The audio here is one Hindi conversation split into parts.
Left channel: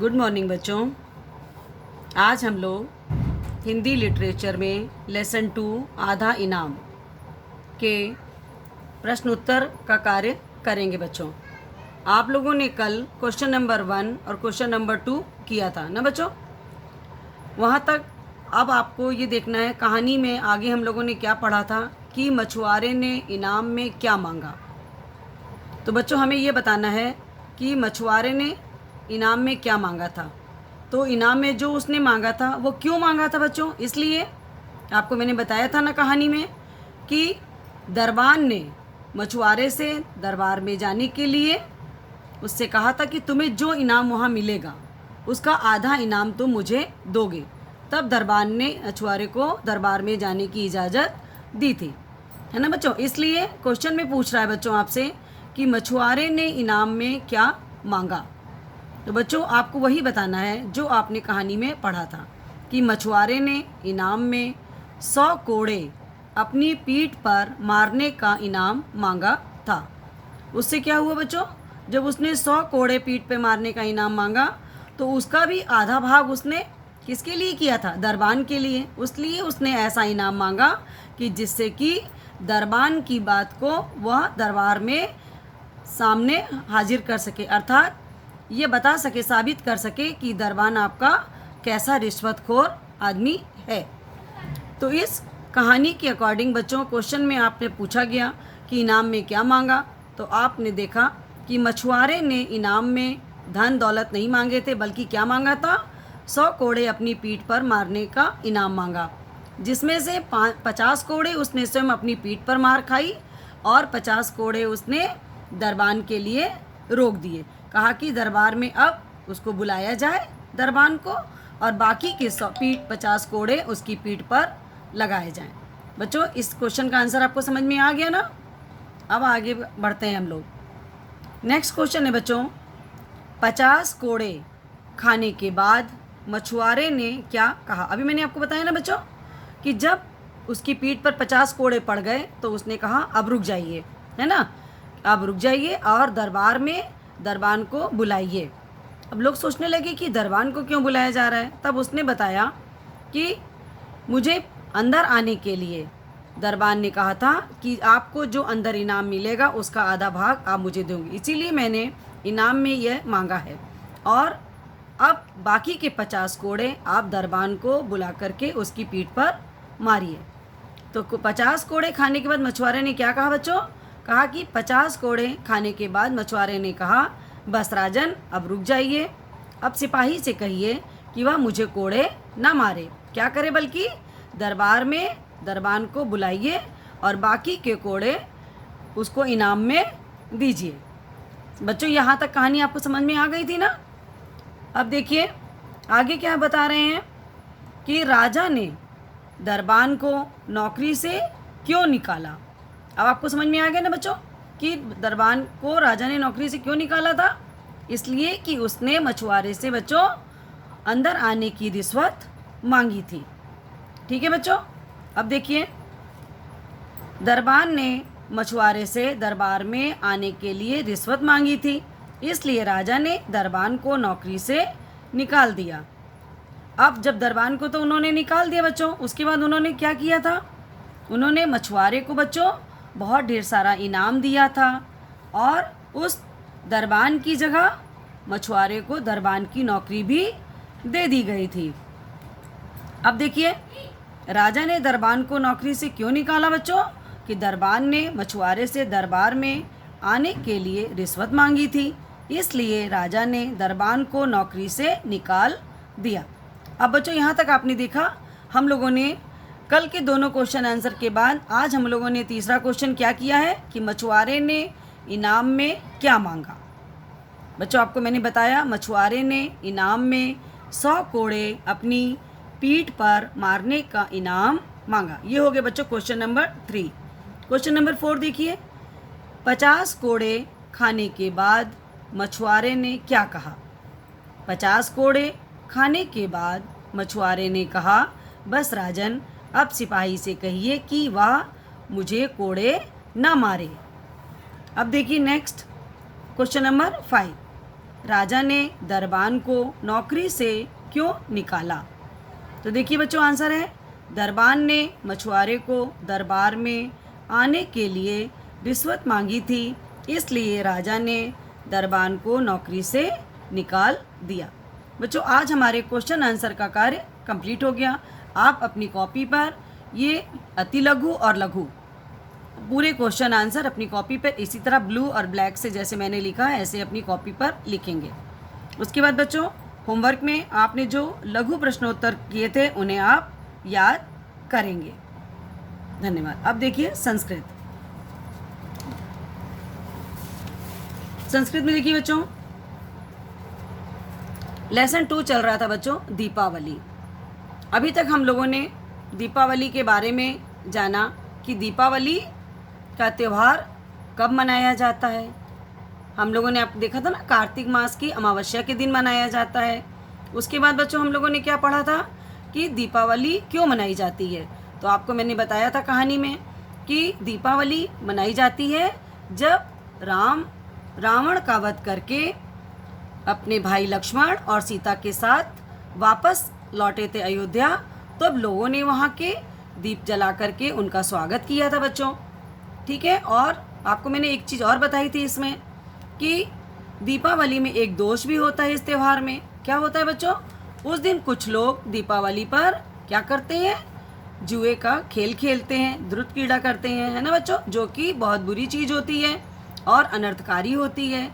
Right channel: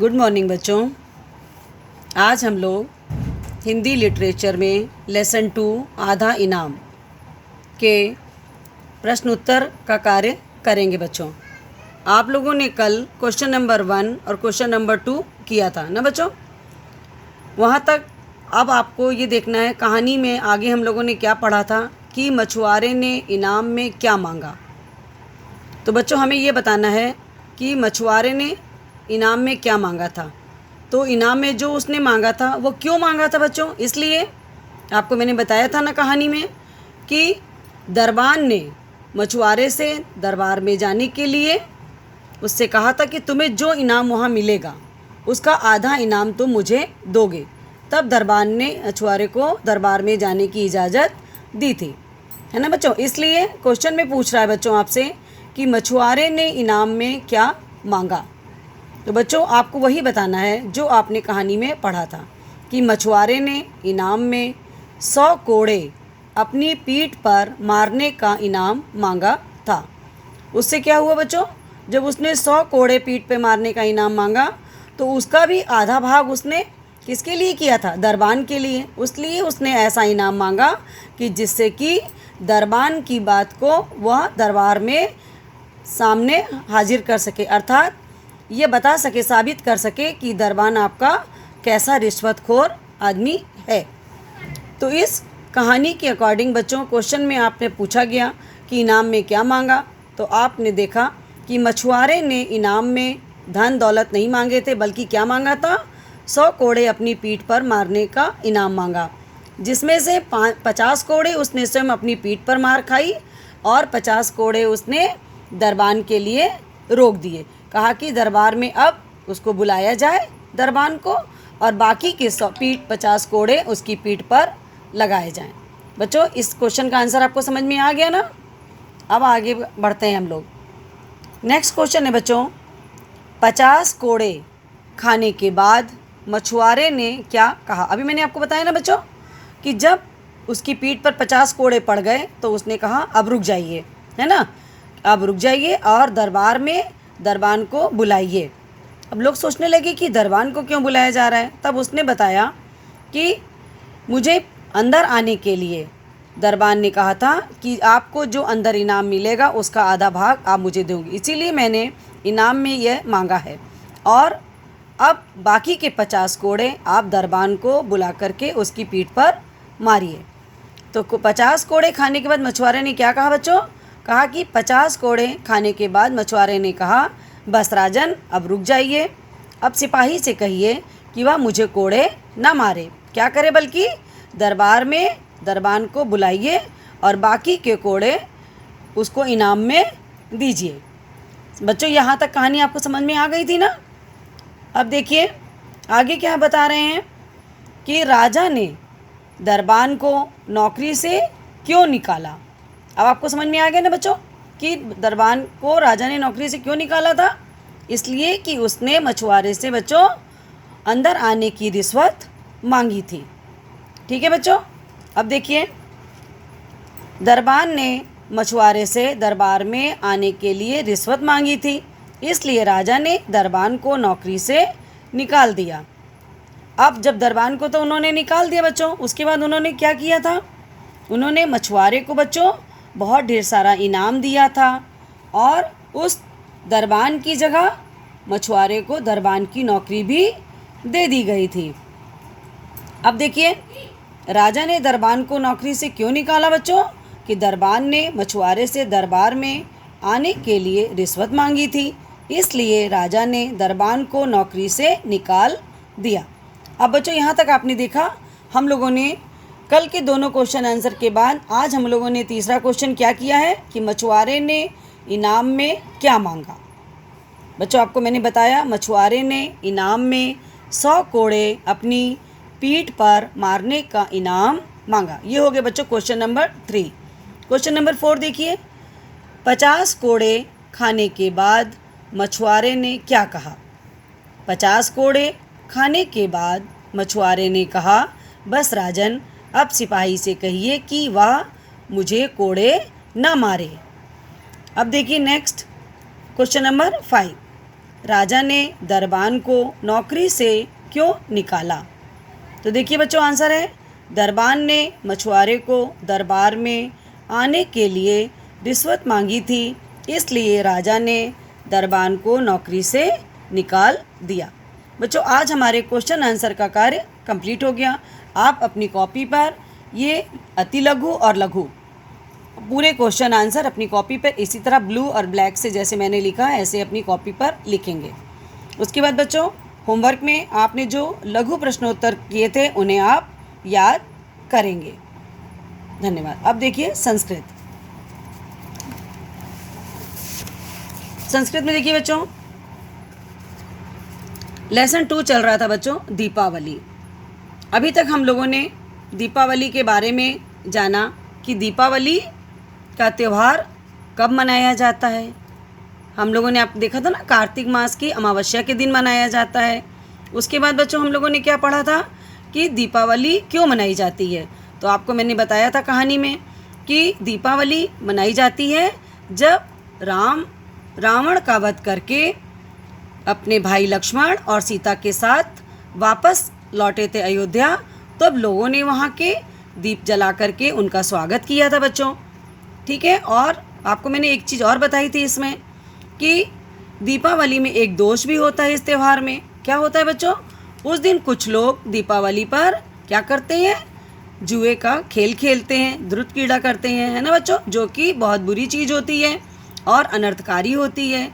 गुड मॉर्निंग बच्चों। आज हम लोग हिंदी लिटरेचर में लेसन 2 आधा इनाम के प्रश्न उत्तर का कार्य करेंगे। बच्चों, आप लोगों ने कल क्वेश्चन नंबर 1 और क्वेश्चन नंबर 2 किया था ना बच्चों। वहाँ तक अब आपको ये देखना है कहानी में आगे हम लोगों ने क्या पढ़ा था कि मछुआरे ने इनाम में क्या मांगा। तो बच्चों हमें ये बताना है कि मछुआरे ने इनाम में क्या मांगा था। तो इनाम में जो उसने मांगा था वो क्यों मांगा था बच्चों, इसलिए आपको मैंने बताया था ना कहानी में कि दरबान ने मछुआरे से दरबार में जाने के लिए उससे कहा था कि तुम्हें जो इनाम वहाँ मिलेगा उसका आधा इनाम तुम मुझे दोगे। तब दरबान ने मछुआरे को दरबार में जाने की इजाज़त दी थी, है ना बच्चों। इसलिए क्वेश्चन में पूछ रहा है बच्चों आपसे कि मछुआरे ने इनाम में क्या मांगा। तो बच्चों आपको वही बताना है जो आपने कहानी में पढ़ा था कि मछुआरे ने इनाम में 100 कोड़े अपनी पीठ पर मारने का इनाम मांगा था। उससे क्या हुआ बच्चों, जब उसने 100 कोड़े पीठ पे मारने का इनाम मांगा तो उसका भी आधा भाग उसने किसके लिए किया था, दरबान के लिए। इसलिए उसने ऐसा इनाम मांगा कि जिससे कि दरबान की बात को वह दरबार में सामने हाजिर कर सके, अर्थात ये बता सके, साबित कर सके कि दरबान आपका कैसा रिश्वतखोर आदमी है। तो इस कहानी के अकॉर्डिंग बच्चों क्वेश्चन में आपने पूछा गया कि इनाम में क्या मांगा, तो आपने देखा कि मछुआरे ने इनाम में धन दौलत नहीं मांगे थे, बल्कि क्या मांगा था, 100 कोड़े अपनी पीठ पर मारने का इनाम मांगा, जिसमें से 50 कोड़े उसने स्वयं अपनी पीठ पर मार खाई और 50 कोड़े उसने दरबान के लिए रोक दिए। कहा कि दरबार में अब उसको बुलाया जाए दरबान को और बाकी के 50 कोड़े उसकी पीठ पर लगाए जाएं। बच्चों इस क्वेश्चन का आंसर आपको समझ में आ गया ना। अब आगे बढ़ते हैं हम लोग। नेक्स्ट क्वेश्चन है बच्चों, 50 कोड़े खाने के बाद मछुआरे ने क्या कहा। अभी मैंने आपको बताया ना बच्चों कि जब उसकी पीठ पर 50 कोड़े पड़ गए तो उसने कहा अब रुक जाइए, है ना, अब रुक जाइए और दरबार में दरबान को बुलाइए। अब लोग सोचने लगे कि दरबान को क्यों बुलाया जा रहा है। तब उसने बताया कि मुझे अंदर आने के लिए दरबान ने कहा था कि आपको जो अंदर इनाम मिलेगा उसका आधा भाग आप मुझे दोगे, इसीलिए मैंने इनाम में यह मांगा है और अब बाकी के 50 कोड़े आप दरबान को बुला करके उसकी पीठ पर मारिए। तो 50 कोड़े खाने के बाद मछुआरे ने क्या कहा बच्चों, कहा कि 50 कोड़े खाने के बाद मछुआरे ने कहा बस राजन अब रुक जाइए, अब सिपाही से कहिए कि वह मुझे कोड़े ना मारे, क्या करे बल्कि दरबार में दरबान को बुलाइए और बाकी के कोड़े उसको इनाम में दीजिए। बच्चों यहाँ तक कहानी आपको समझ में आ गई थी ना। अब देखिए आगे क्या बता रहे हैं कि राजा ने दरबान को नौकरी से क्यों निकाला। अब आपको समझ में आ गया ना बच्चों कि दरबान को राजा ने नौकरी से क्यों निकाला था। इसलिए कि उसने मछुआरे से बच्चों अंदर आने की रिश्वत मांगी थी। ठीक है बच्चों। अब देखिए दरबान ने मछुआरे से दरबार में आने के लिए रिश्वत मांगी थी, इसलिए राजा ने दरबान को नौकरी से निकाल दिया। अब जब दरबान को तो उन्होंने निकाल दिया बच्चों, उसके बाद उन्होंने क्या किया था, उन्होंने मछुआरे को बच्चों बहुत ढेर सारा इनाम दिया था और उस दरबान की जगह मछुआरे को दरबान की नौकरी भी दे दी गई थी। अब देखिए राजा ने दरबान को नौकरी से क्यों निकाला बच्चों, कि दरबान ने मछुआरे से दरबार में आने के लिए रिश्वत मांगी थी, इसलिए राजा ने दरबान को नौकरी से निकाल दिया। अब बच्चों यहाँ तक आपने देखा हम लोगों ने कल के दोनों क्वेश्चन आंसर के बाद आज हम लोगों ने तीसरा क्वेश्चन क्या किया है कि मछुआरे ने इनाम में क्या मांगा। बच्चों आपको मैंने बताया मछुआरे ने इनाम में 100 कोड़े अपनी पीठ पर मारने का इनाम मांगा। ये हो गया बच्चों क्वेश्चन नंबर 3। क्वेश्चन नंबर 4 देखिए, 50 कोड़े खाने के बाद मछुआरे ने क्या कहा। 50 कोड़े खाने के बाद मछुआरे ने कहा बस राजन अब सिपाही से कहिए कि वह मुझे कोड़े ना मारे। अब देखिए नेक्स्ट क्वेश्चन नंबर 5, राजा ने दरबान को नौकरी से क्यों निकाला? तो देखिए बच्चों, आंसर है दरबान ने मछुआरे को दरबार में आने के लिए रिश्वत मांगी थी, इसलिए राजा ने दरबान को नौकरी से निकाल दिया। बच्चों, आज हमारे क्वेश्चन आंसर का कार्य कंप्लीट हो गया। आप अपनी कॉपी पर ये अति लघु और लघु पूरे क्वेश्चन आंसर अपनी कॉपी पर इसी तरह ब्लू और ब्लैक से जैसे मैंने लिखा है ऐसे अपनी कॉपी पर लिखेंगे। उसके बाद बच्चों, होमवर्क में आपने जो लघु प्रश्नोत्तर किए थे उन्हें आप याद करेंगे। धन्यवाद। अब देखिए संस्कृत। संस्कृत में देखिए बच्चों, लेसन 2 चल रहा था बच्चों, दीपावली। अभी तक हम लोगों ने दीपावली के बारे में जाना कि दीपावली का त्यौहार कब मनाया जाता है। हम लोगों ने आप देखा था ना, कार्तिक मास की अमावस्या के दिन मनाया जाता है। उसके बाद बच्चों हम लोगों ने क्या पढ़ा था कि दीपावली क्यों मनाई जाती है। तो आपको मैंने बताया था कहानी में कि दीपावली मनाई जाती है जब रावण का वध करके अपने भाई लक्ष्मण और सीता के साथ वापस लौटे थे अयोध्या, तब लोगों ने वहाँ के दीप जला करके उनका स्वागत किया था बच्चों। ठीक है। और आपको मैंने एक चीज़ और बताई थी इसमें कि दीपावली में एक दोष भी होता है इस त्यौहार में। क्या होता है बच्चों? उस दिन कुछ लोग दीपावली पर क्या करते हैं? जुए का खेल खेलते हैं, धृत क्रीड़ा करते हैं, है ना बच्चों, जो कि बहुत बुरी चीज़ होती है और अनर्थकारी होती है।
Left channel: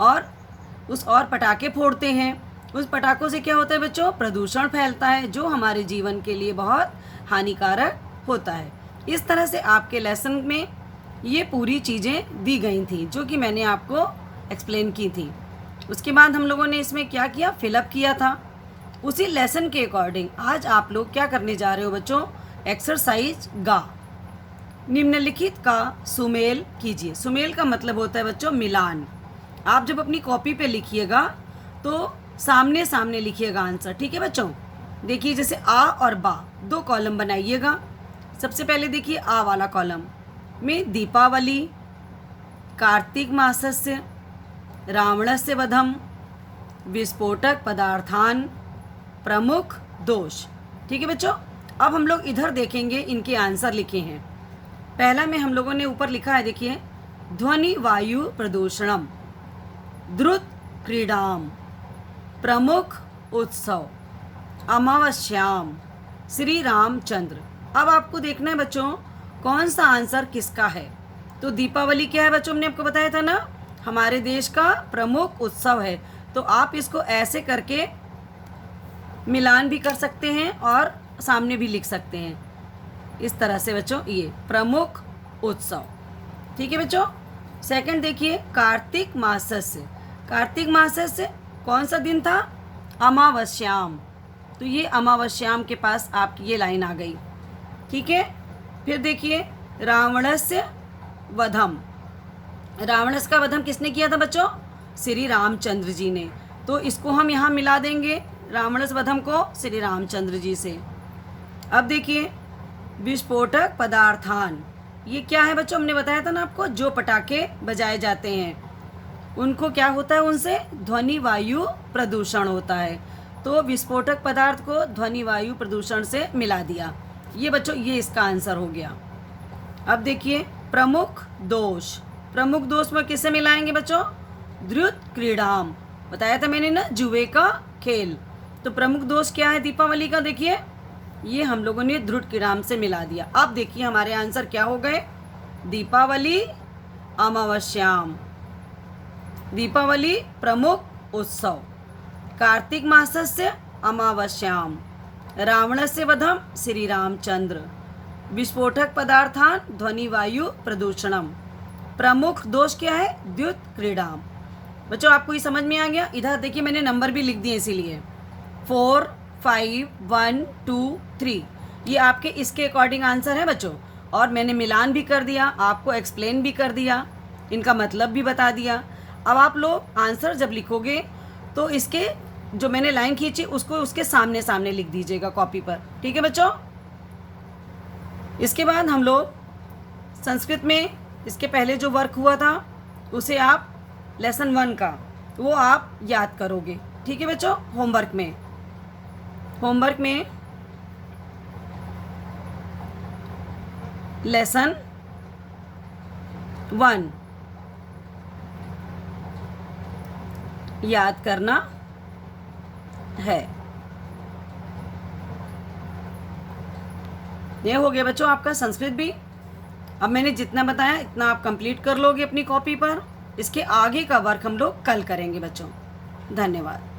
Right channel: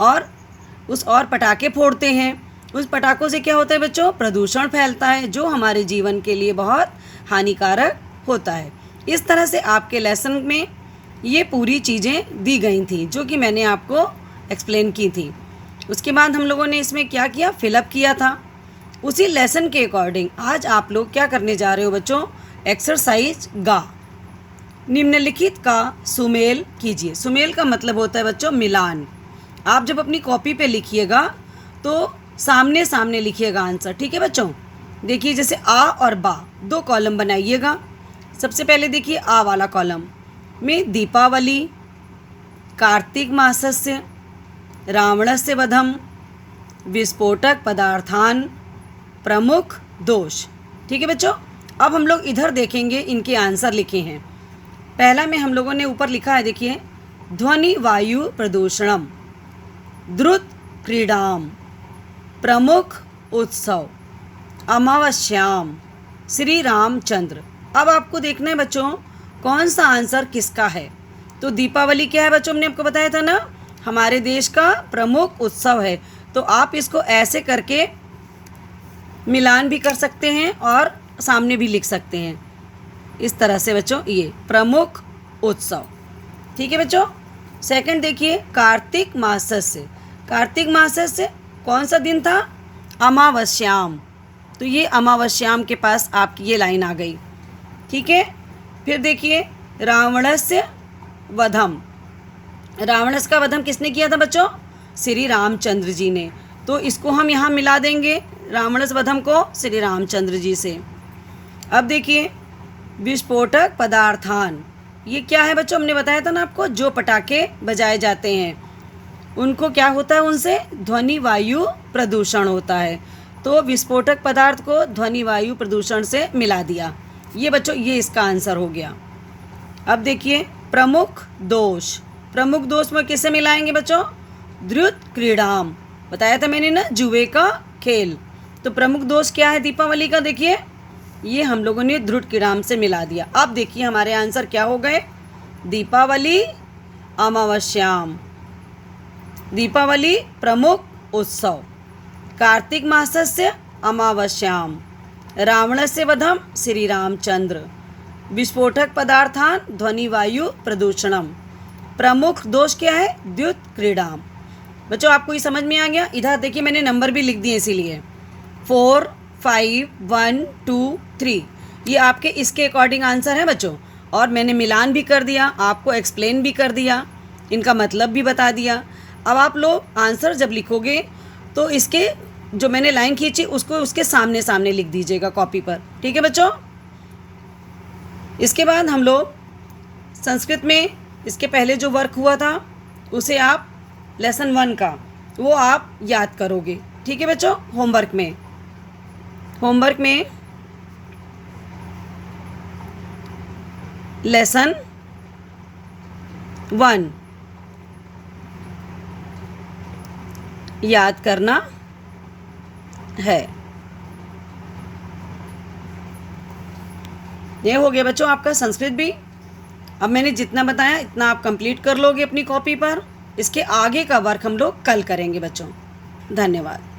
और पटाखे फोड़ते हैं। उस पटाखों से क्या होता है बच्चों? प्रदूषण फैलता है, जो हमारे जीवन के लिए बहुत हानिकारक होता है। इस तरह से आपके लेसन में ये पूरी चीज़ें दी गई थी जो कि मैंने आपको एक्सप्लेन की थी। उसके बाद हम लोगों ने इसमें क्या किया? फिलअप किया था। उसी लेसन के अकॉर्डिंग आज आप लोग क्या करने जा रहे हो बच्चों? एक्सरसाइज गा। निम्नलिखित का सुमेल कीजिए। सुमेल का मतलब होता है बच्चों मिलान। आप जब अपनी कॉपी पे लिखिएगा तो सामने सामने लिखिएगा आंसर। ठीक है बच्चों? देखिए जैसे आ और बा 2 कॉलम बनाइएगा। सबसे पहले देखिए आ वाला कॉलम में दीपावली, कार्तिक मासस्य, रावणस्य वधम, विस्फोटक पदार्थान, प्रमुख दोष। ठीक है बच्चों? अब हम लोग इधर देखेंगे, इनके आंसर लिखे हैं। पहला में हम लोगों ने ऊपर लिखा है, देखिए ध्वनि वायु प्रदूषणम, द्रुत क्रीडाम, प्रमुख उत्सव, अमावस्याम, श्री रामचंद्र। अब आपको देखना है बच्चों कौन सा आंसर किसका है। तो दीपावली क्या है बच्चों? हमने आपको बताया था ना, हमारे देश का प्रमुख उत्सव है। तो आप इसको ऐसे करके मिलान भी कर सकते हैं और सामने भी लिख सकते हैं इस तरह से बच्चों, ये प्रमुख उत्सव। ठीक है बच्चों? सेकंड देखिए कार्तिक मासस्य। कार्तिक मासस्य कौन सा दिन था? अमावस्याम। तो ये अमावस्याम के पास आपकी ये लाइन आ गई। ठीक है। फिर देखिए रावणस्य वधम। रावणस का वधम किसने किया था बच्चों? श्री रामचंद्र जी ने। तो इसको हम यहाँ मिला देंगे रावणस वधम को श्री रामचंद्र जी से। अब देखिए विस्फोटक पदार्थान, ये क्या है बच्चों? हमने बताया था ना आपको, जो पटाखे बजाए जाते हैं उनको क्या होता है? उनसे ध्वनि वायु प्रदूषण होता है। तो विस्फोटक पदार्थ को ध्वनि वायु प्रदूषण से मिला दिया। ये बच्चों ये इसका आंसर हो गया। अब देखिए प्रमुख दोष। प्रमुख दोष में किसे मिलाएंगे बच्चों? द्रुत क्रीडाम। बताया था मैंने ना, जुए का खेल। तो प्रमुख दोष क्या है दीपावली का? देखिए ये हम लोगों ने द्रुत क्रीडाम से मिला दिया। अब देखिए हमारे आंसर क्या हो गए? दीपावली, अमावस्याम, दीपावली प्रमुख उत्सव, कार्तिक मासस्य अमावस्याम, रावणस्य वधम श्री रामचंद्र, विस्फोटक पदार्थान ध्वनि वायु प्रदूषणम, प्रमुख दोष क्या है? द्युत क्रीडाम। बच्चों आपको ये समझ में आ गया? इधर देखिए मैंने नंबर भी लिख दिए इसीलिए 4, 5, 1, 2, 3। ये आपके इसके अकॉर्डिंग आंसर है बच्चों। और मैंने मिलान भी कर दिया, आपको एक्सप्लेन भी कर दिया, इनका मतलब भी बता दिया। अब आप लोग आंसर जब लिखोगे तो इसके जो मैंने लाइन खींची उसको उसके सामने सामने लिख दीजिएगा कॉपी पर। ठीक है बच्चों? इसके बाद हम लोग संस्कृत में इसके पहले जो वर्क हुआ था उसे आप लेसन 1 का वो आप याद करोगे। ठीक है बच्चों, होमवर्क में लेसन 1 याद करना है। ये हो गया बच्चों आपका संस्कृत भी। अब मैंने जितना बताया इतना आप कंप्लीट कर लोगे अपनी कॉपी पर। इसके आगे का वर्क हम लोग कल करेंगे बच्चों। धन्यवाद।